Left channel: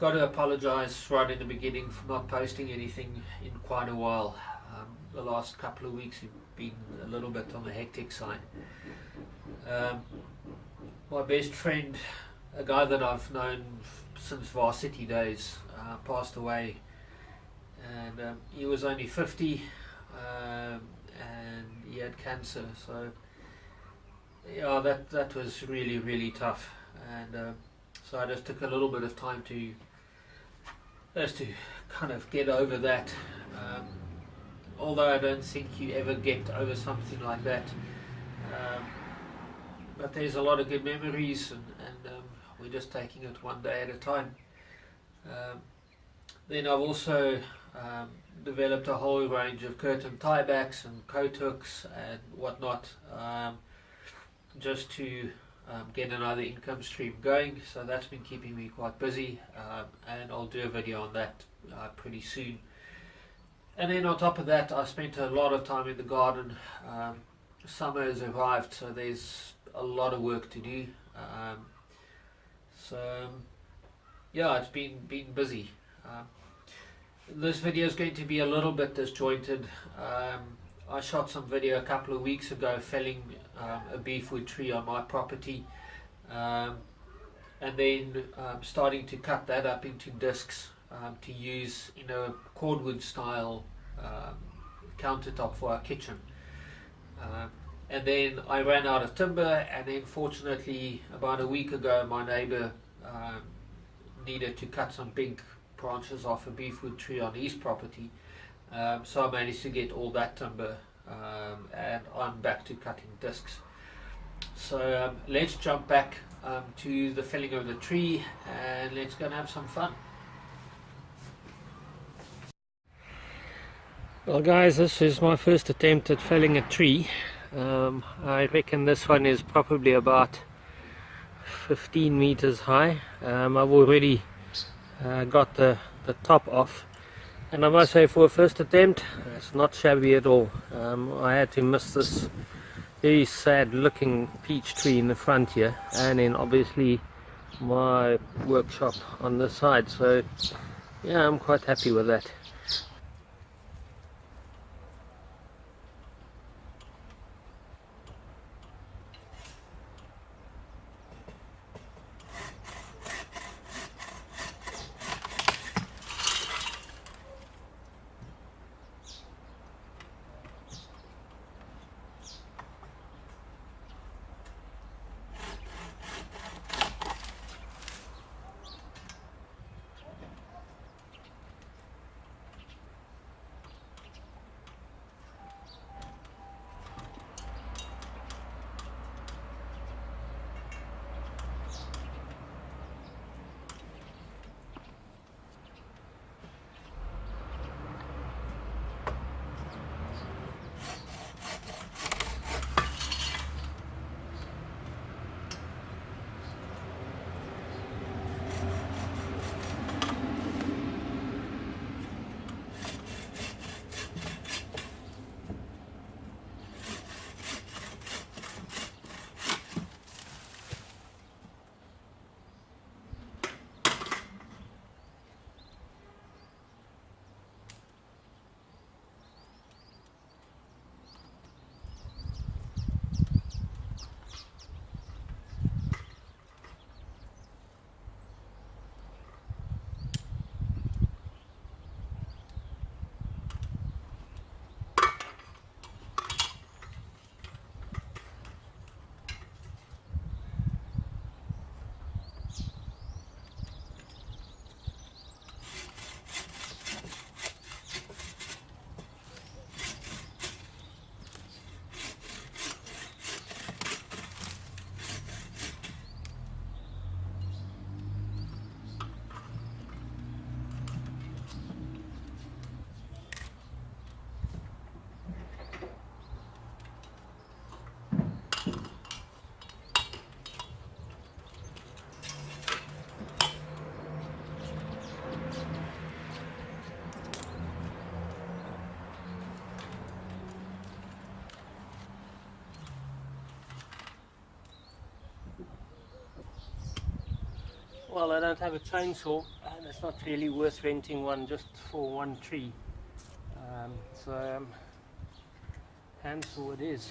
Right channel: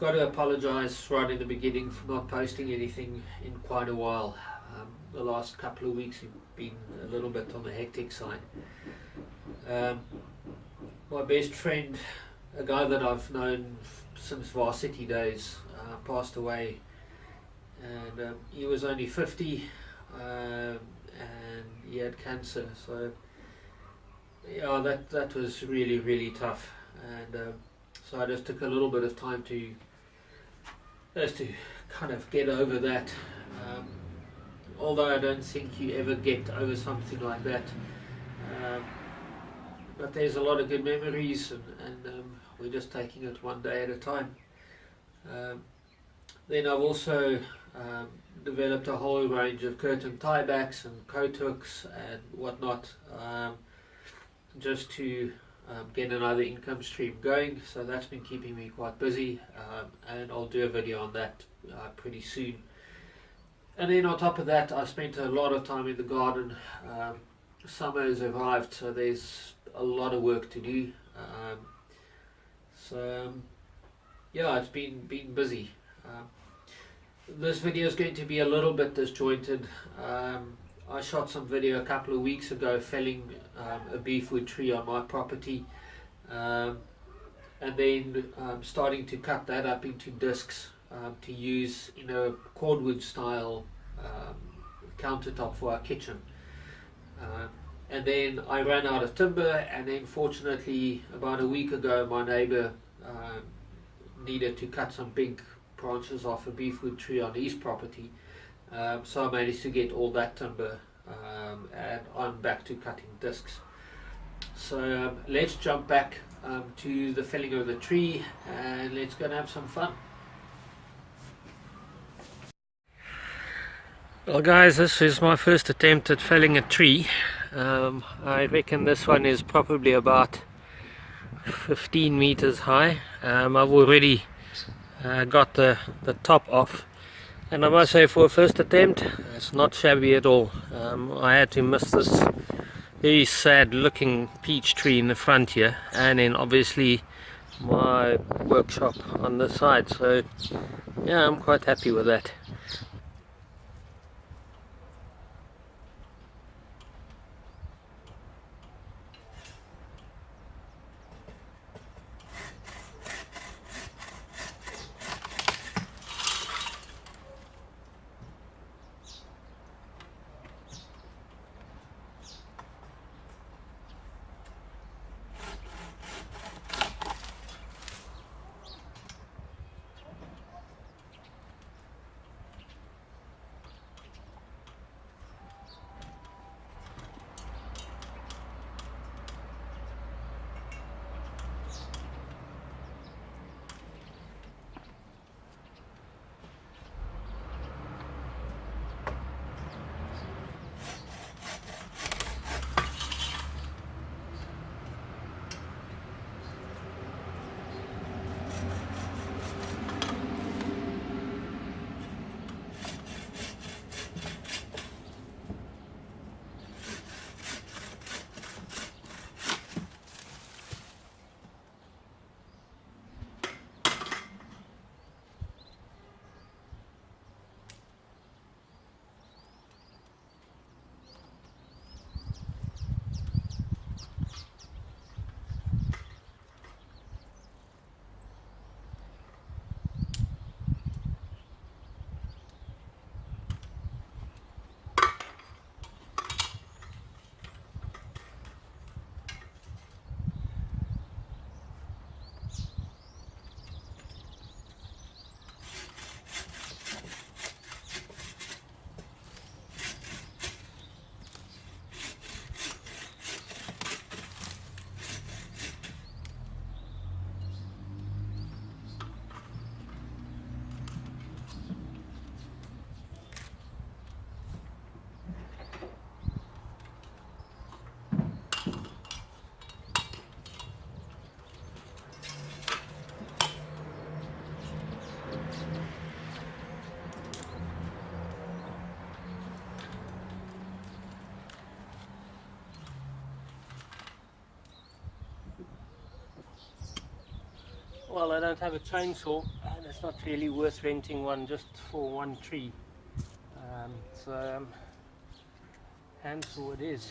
got to apologize right in the beginning for not posting anything in quite a while. The last couple of weeks have been a little bit on the hectic side. My best friend, a guy that I've known since varsity days, passed away, and he was only 50, and he had cancer. So yeah, that was really tough, and so I just took a little bit of time to kind of get over that. Although I don't think you ever get over something like that, but there's a lot of good memories, and we're just taking it one day at a time. Then I've also developed a whole range of curtain tiebacks and coat hooks and whatnot, just to get another income stream going. So that's been keeping me quite busy, and I'll do a video on that pretty soon. And then on top of that, I spent a lot of time in the garden. Summer has arrived, so there's a lot of work to do. Yeah, it's been busy. This video is going to be a little bit disjointed. I shot some video a couple of weeks ago felling a beefwood tree on my property, and then starting to cut that up into discs to use in a cordwood style countertop for our kitchen. And then I ran out of timber, and then fortunately about a week ago my neighbor needed to cut some big branches off a beefwood tree on his property, so I managed to get all that timber, and I'm back to cutting discs. So let's jump back to the felling of the tree, and let's go and have some fun. Well guys, this is my first attempt at felling a tree. I reckon this one is probably about 15 meters high. I've already got the top off, and I must say for a first attempt it's not shabby at all. I had to miss this very sad looking peach tree in the front here, and then obviously my workshop on this side, so yeah, I'm quite happy with that. well, I don't have a chainsaw, and it's not really worth renting one just for one tree. So handsaw it is.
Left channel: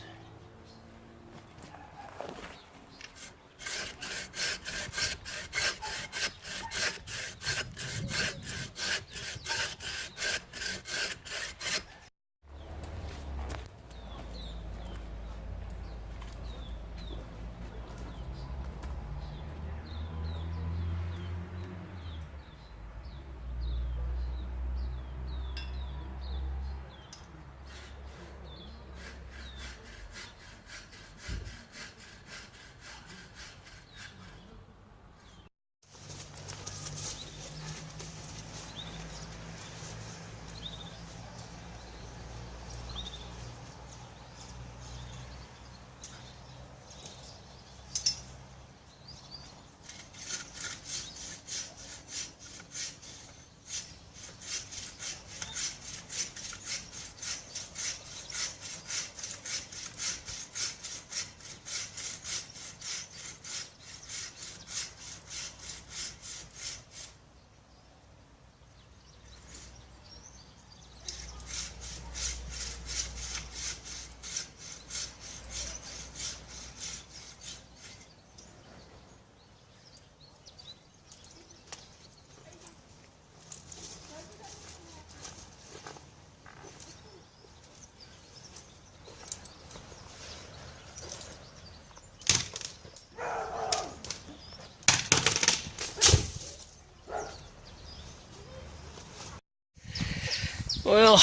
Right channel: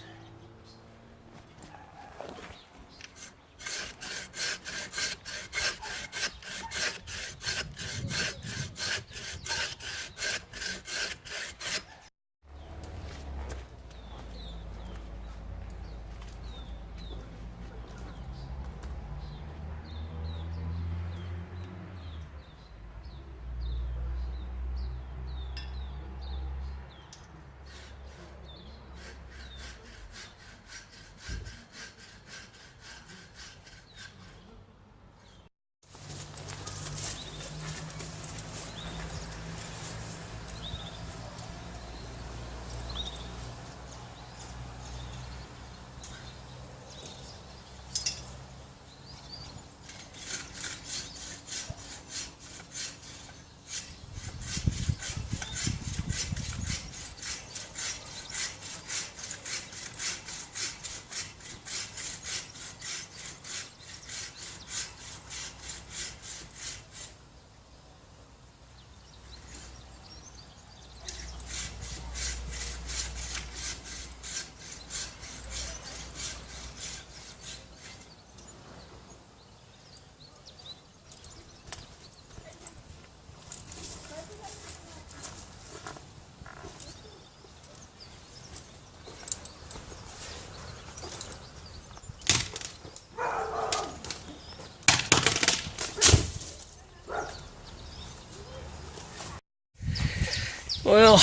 Well,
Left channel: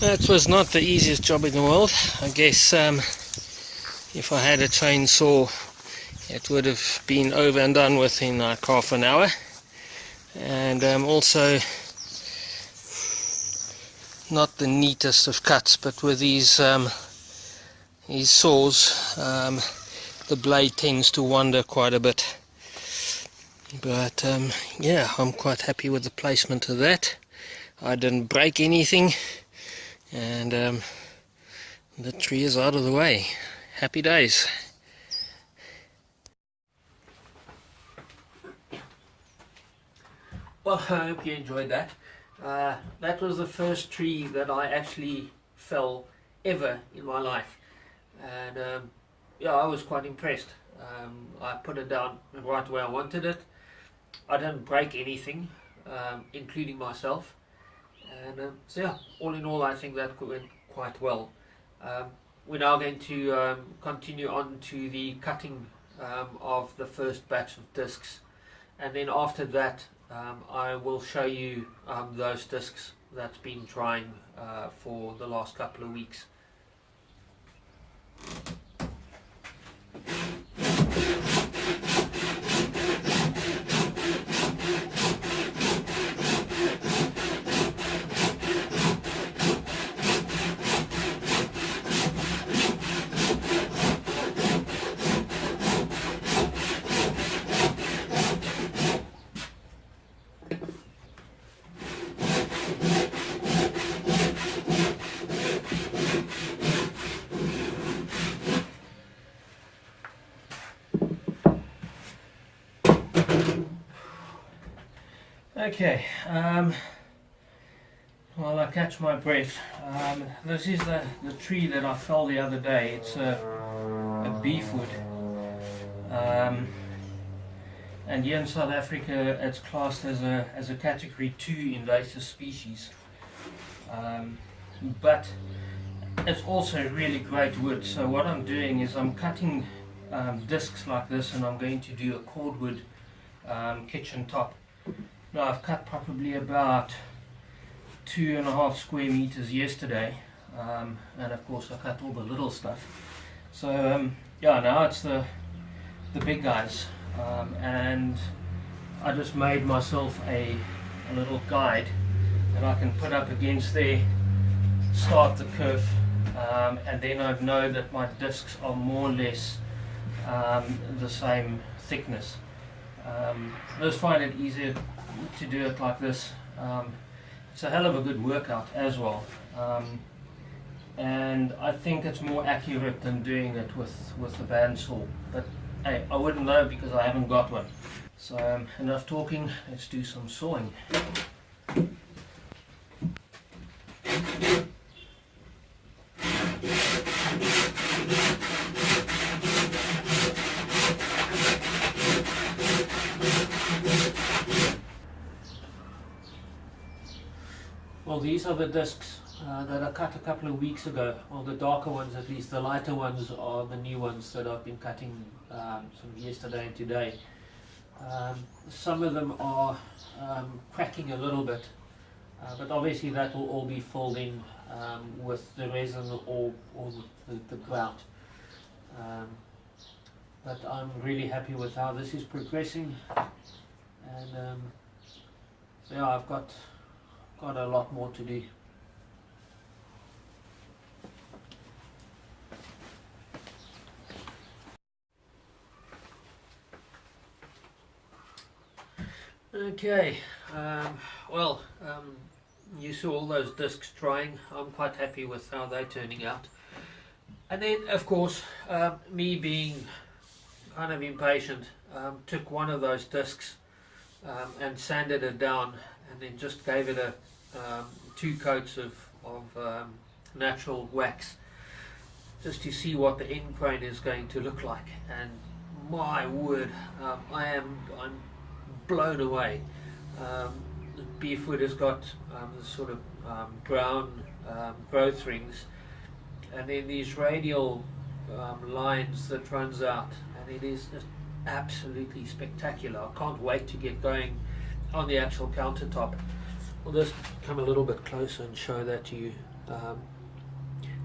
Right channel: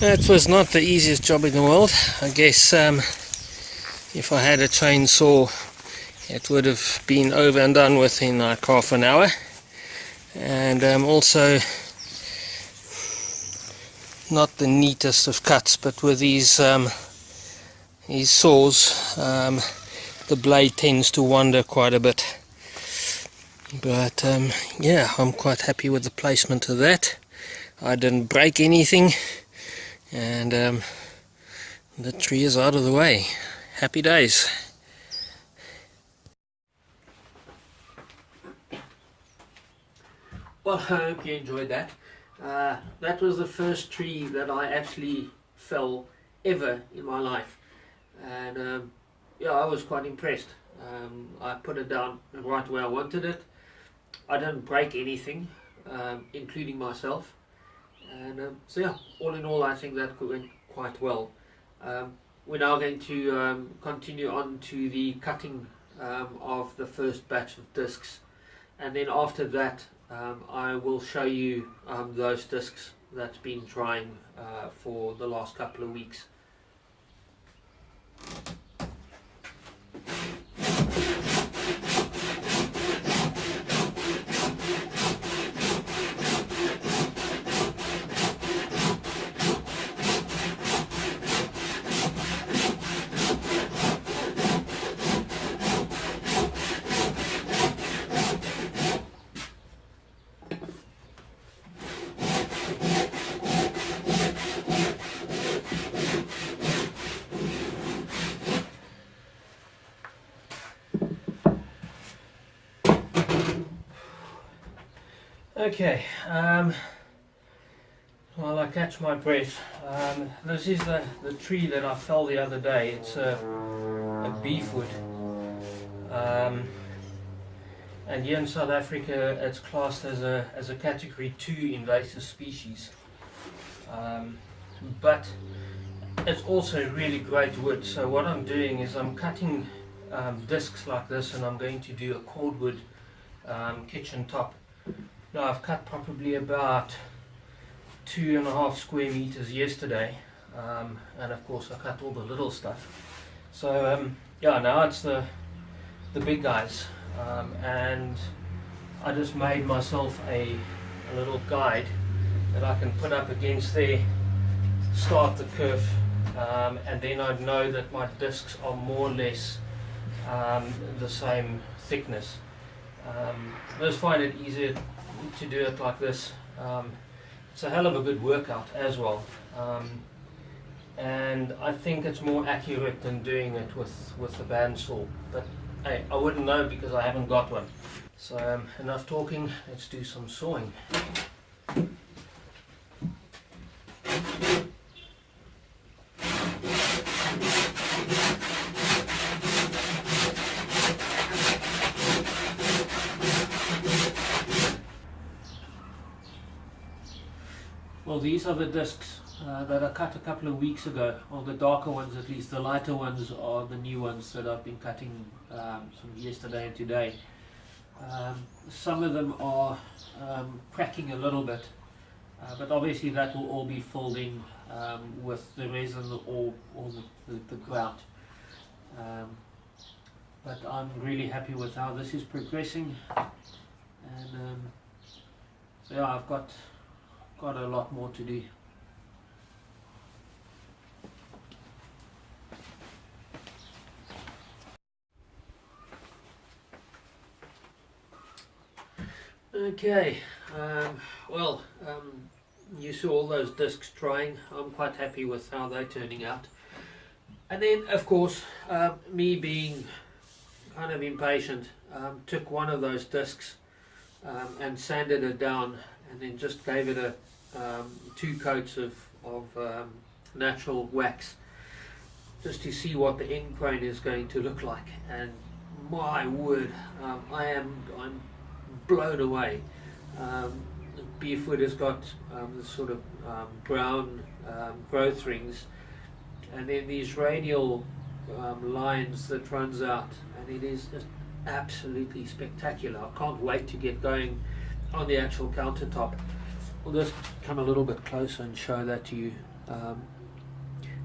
that was not the easiest job in the world. I guess if I had a chainsaw, it would have been over and done with in like half an hour. And also not the neatest of cuts, but with these saws, the blade tends to wander quite a bit. But yeah, I'm quite happy with the placement of that. I didn't break anything, and the tree is out of the way. Happy days. Well, I hope you enjoyed that. That was the first tree that I actually fell ever in my life, and yeah, I was quite impressed. I put it down right where I wanted it. I didn't break anything, including myself. And so yeah, all in all, I think that went quite well. We're now going to continue on to the cutting of the first batch of discs, and then after that I will show you those discs that's been drying for the last couple of weeks. Okay, while I catch my breath, this is the tree that I fell the other day. It's a beefwood, and here in South Africa it's classed as a category 2 invasive species, but it's also really great wood. So what I'm doing is I'm cutting discs like this, and I'm going to do a cordwood kitchen top. Now I've cut probably about 2.5 square meters yesterday, and of course I cut all the little stuff. So yeah, now it's the big guys, and I just made myself a little guide that I can put up against there, start the curve, and then I'd know that my discs are more or less the same thickness. I just find it easier to do it like this. It's a hell of a good workout as well, and I think it's more accurate than doing it with the bandsaw, but hey, I wouldn't know because I haven't got one. So enough talking, let's do some sawing. Well, these are the discs that I cut a couple of weeks ago. Well, the darker ones, at least. The lighter ones are the new ones that I've been cutting from yesterday and today. Some of them are cracking a little bit, but obviously that will all be filled in with the resin or the grout. But I'm really happy with how this is progressing, and yeah, I've got a lot more to do. Okay, you saw all those discs drying. I'm quite happy with how they're turning out. And then, of course, me being kind of impatient, took one of those discs and sanded it down, and then just gave it a 2 coats of natural wax, just to see what the end grain is going to look like. And my word, I'm blown away. The beefwood has got this sort of brown growth rings, and then these radial lines that runs out, and it is just absolutely spectacular. I can't wait to get going on the actual countertop. We'll just come a little bit closer and show that to you.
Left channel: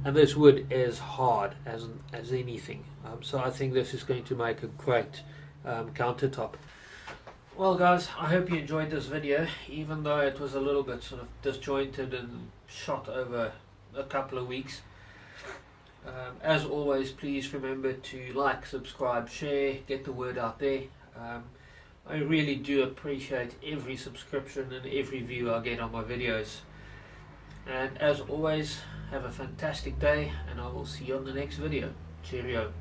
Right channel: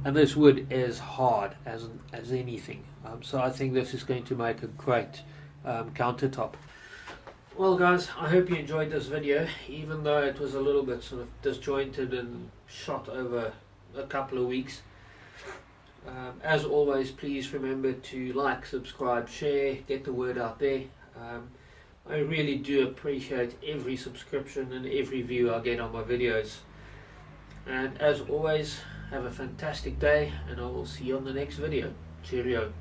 And this wood is hard as anything, so I think this is going to make a great countertop. Well guys, I hope you enjoyed this video, even though it was a little bit sort of disjointed and shot over a couple of weeks. As always, please remember to like, subscribe, share, get the word out there. I really do appreciate every subscription and every view I get on my videos. And as always, have a fantastic day, and I will see you on the next video. Cheerio.